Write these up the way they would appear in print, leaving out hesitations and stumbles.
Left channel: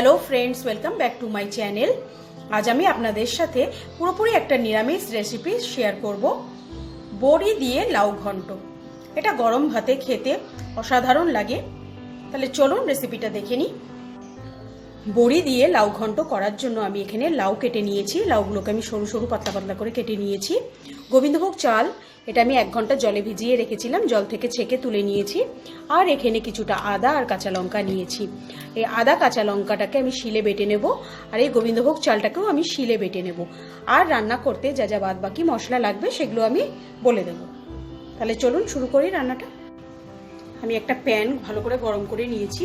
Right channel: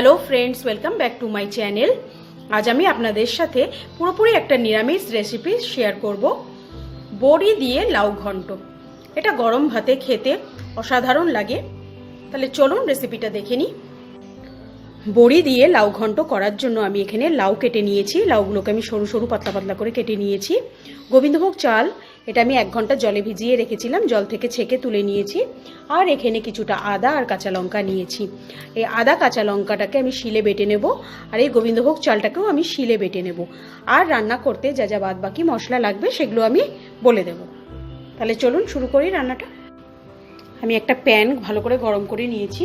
Hello friends, welcome back to my channel. আজ আমি আপনাদের সাথে পুরোপুরি একটা নিরামিষ রেসিপি শেয়ার করব, বড়ি দিয়ে লাউ ঘন্ট। এটা গরম ভাতে খেতে অসাধারণ লাগে। তাহলে চলুন রেসিপিটা দেখে নিই। বড়ি দিয়ে লাউ ঘন্ট করার জন্য আমি এখানে লাউ কেটে নিয়েছি। লাউগুলোকে আমি সরু সরু পাতলা পাতলা করে কেটে নিয়েছি। গোবিন্দভোগ চাল, এটা আমি 1 ঘন্টা জলে ভিজিয়ে রেখেছিলাম, জল থেকে ছেঁকে তুলে নিয়েছি। আর এখানে কিছুটা আদা আর কাঁচা লঙ্কা নিয়েছি। এই আদা কাঁচা লঙ্কাটাকে আমি শিলে বেটে নেব, আর এই গোবিন্দভোগ চালটাকেও আমি শিলে বেটে নেব। আর রান্না করতে যা যা বাদ বাকি মশলা লাগবে সেগুলো আমি বলে দেব। তাহলে চলুন শুরু করি রান্নাটা। আমি একটা প্যান ভালো করে গরম করে নিয়েছি।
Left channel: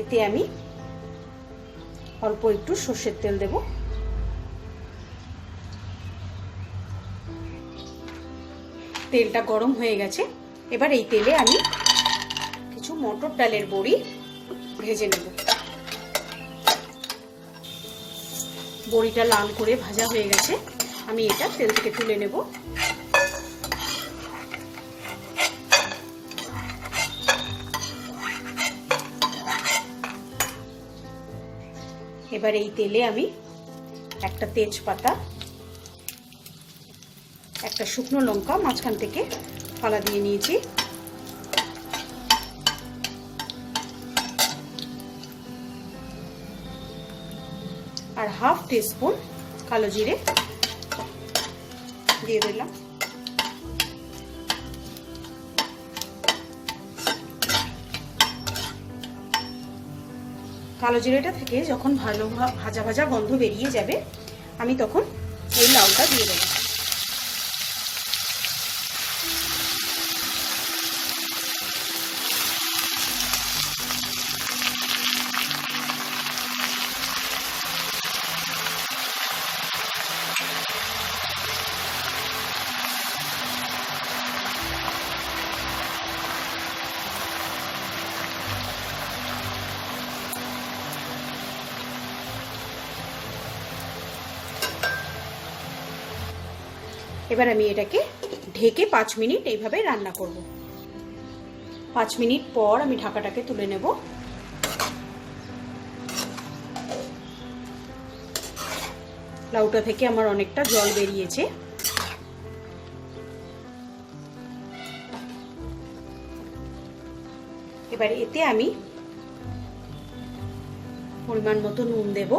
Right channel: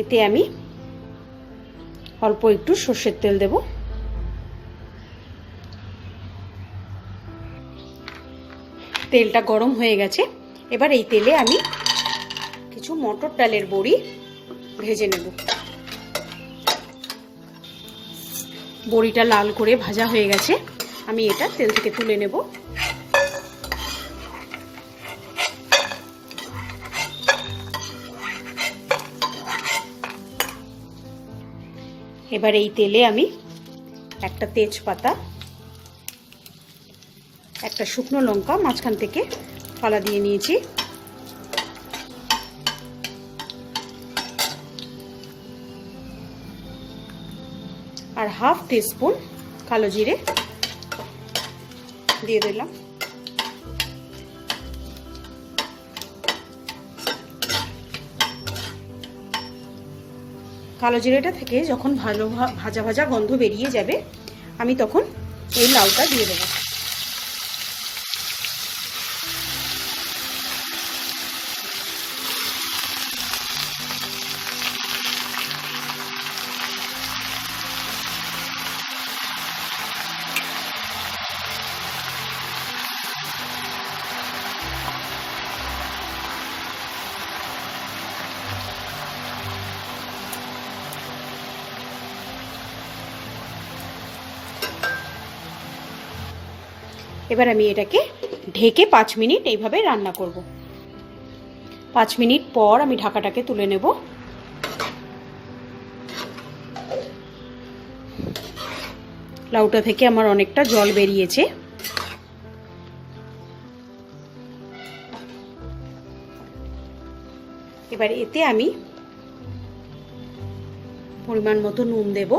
এতে আমি অল্প একটু সর্ষের তেল দেব। তেলটা গরম হয়ে গেছে। এবার এই তেলে আমি কিছু মটর ডালের বড়ি ভেজে নেব। বড়িটা লাল করে ভাজা হয়ে গেছে, আমি এটা তেল থেকে তুলে নেব। এবার এই তেলে আমি একটা তেজপাতা, একটা শুকনো লঙ্কা মাঝখান থেকে ফালা দিয়ে নিয়েছি, আর হাফ টিস্পুন কালো জিরে দিয়ে দিলাম। কালো জিরেটা থেকে যখন ভালো ভাজা ভাজা গন্ধ বেরিয়ে যাবে, আমি তখন এই লাউটা দিয়ে দেবো। এবার আমি এটাকে ঢেকে 5 মিনিট এইভাবে রান্না করব। 5 মিনিট পর আমি ঢাকাটাকে তুলে নেব। লাউটা থেকে আমার অনেকটা জল বেরিয়েছে। এবার এতে আমি পরিমাণ মতো নুন দেব।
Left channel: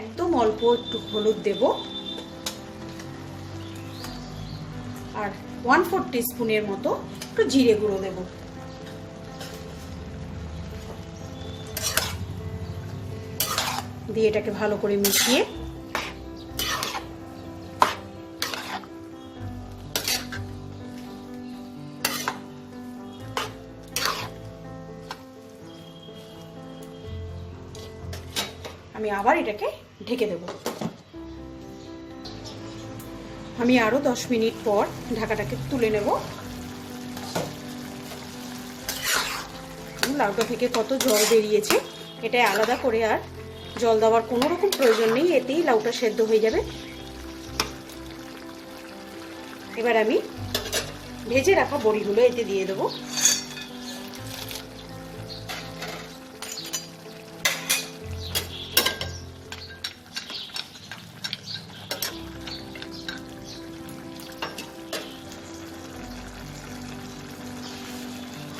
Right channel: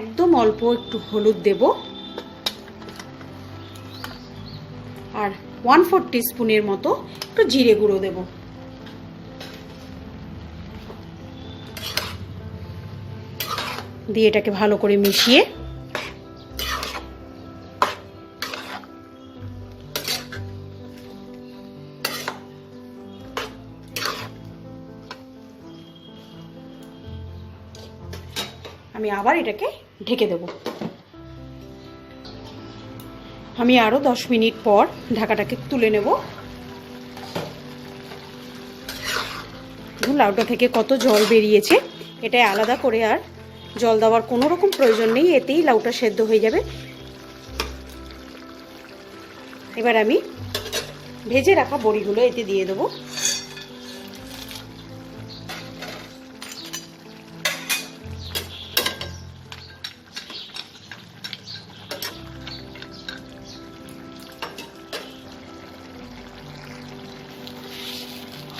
একদম অল্প একটু হলুদ দেব, আর 1/4 টিস্পুনের মতো একটু জিরে গুঁড়ো দেব। দিয়ে এটাকে ভালো করে মিশিয়ে আমি আবার এটাকে ঢেকে দেব। আমি আরো 10 মিনিট পর ঢাকাটাকে তুলে নেব। লাউটা থেকে কত জল বেরিয়েছে, এটা আলাদা করে আর জল দেওয়ার কোনো রকম প্রয়োজন নেই, এতেই লাউটা সেদ্ধ হয়ে যাবে। এবার আমি ভেজে রাখা বড়িগুলো এতে দিয়ে দেব।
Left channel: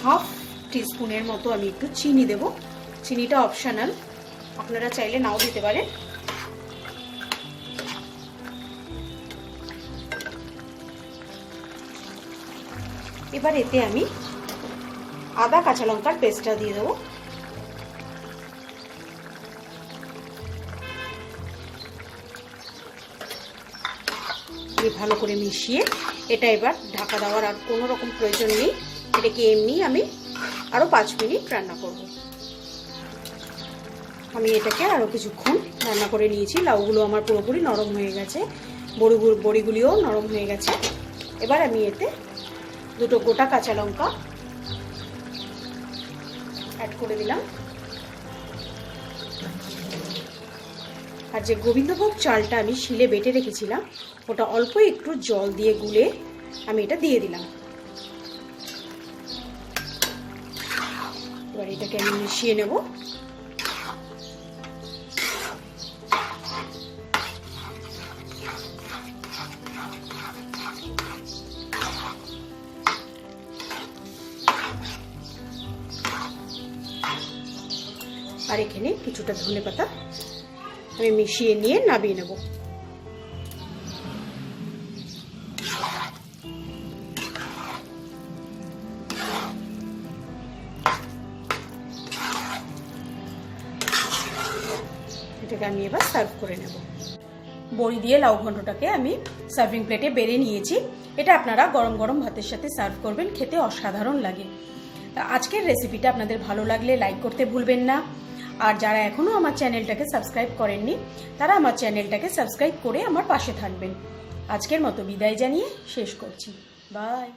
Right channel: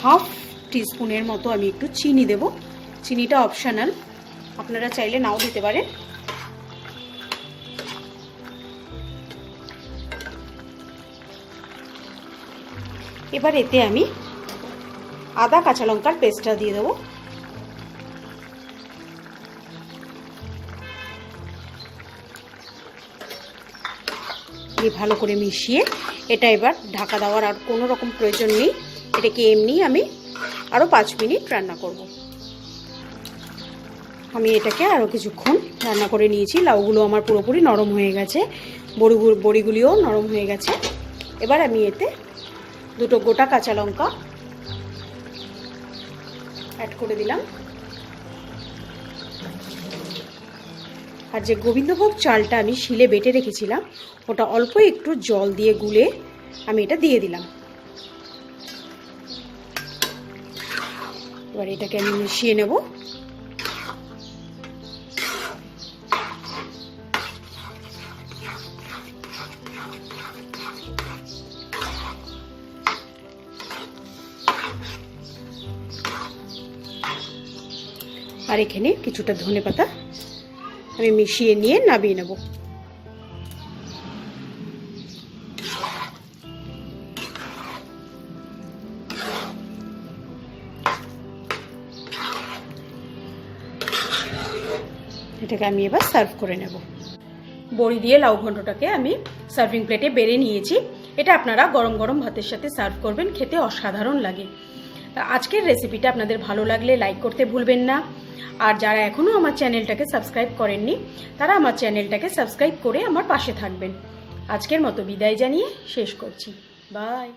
হাফ টিস্পুনের মতো আমি একটু চিনি দেব। চিনিটা অপশনাল, আপনারা চাইলে নাও দিতে পারেন। এবার এতে আমি আদা কাঁচা লঙ্কার পেস্টটা দিয়ে দেবো। ভালো করে মিশিয়ে এটা এবার ঢাকা দেওয়ার আর কোনো রকম প্রয়োজন নেই। এটাকে এমনি আমি আরো 5 মিনিট রান্না করব। আমি এটাকে আরো কিছুক্ষণ রান্না করে নিয়েছি। লাউগুলো আমার পুরোপুরি নরম হয়ে গেছে, বড়িগুলিও নরম হয়ে গেছে। এবার আমি এতে 2টো গোটা কাঁচা লঙ্কা অ্যাড করে দিলাম। আর যে গোবিন্দভোগ চালটা আমি শিলে বেটে রেখেছিলাম ওটা অল্প একটু জল দিয়ে গুলে আমি এটা দিয়ে দিলাম। এবার এটাকে আমি মিশিয়ে নেব। আর এখানে কিছুটা ধনেপাতা আমি মিশিয়ে নিয়ে নামিয়ে নেব। এটাকে আমি এবার সার্ভ করে নেব। বড়ি দিয়ে লাউ ঘন্টটাকে আমি সার্ভিং প্লেটে বেড়ে নিয়েছি। এটা আপনারা গরম গরম ভাতের সাথে সার্ভ করবেন, খেতে অসাধারণ লাগে। তা আজকের রেসিপিটা আপনাদের ভালো লাগলে লাইক করতে ভুলবেন না। আর যারা এখনও আমার চ্যানেলটাকে সাবস্ক্রাইব করেননি তারা আমার চ্যানেলটাকে সাবস্ক্রাইব করে আমার পাশে থাকবেন। আজকের মতো বিদায় জানিয়ে শেষ করছি। বাই।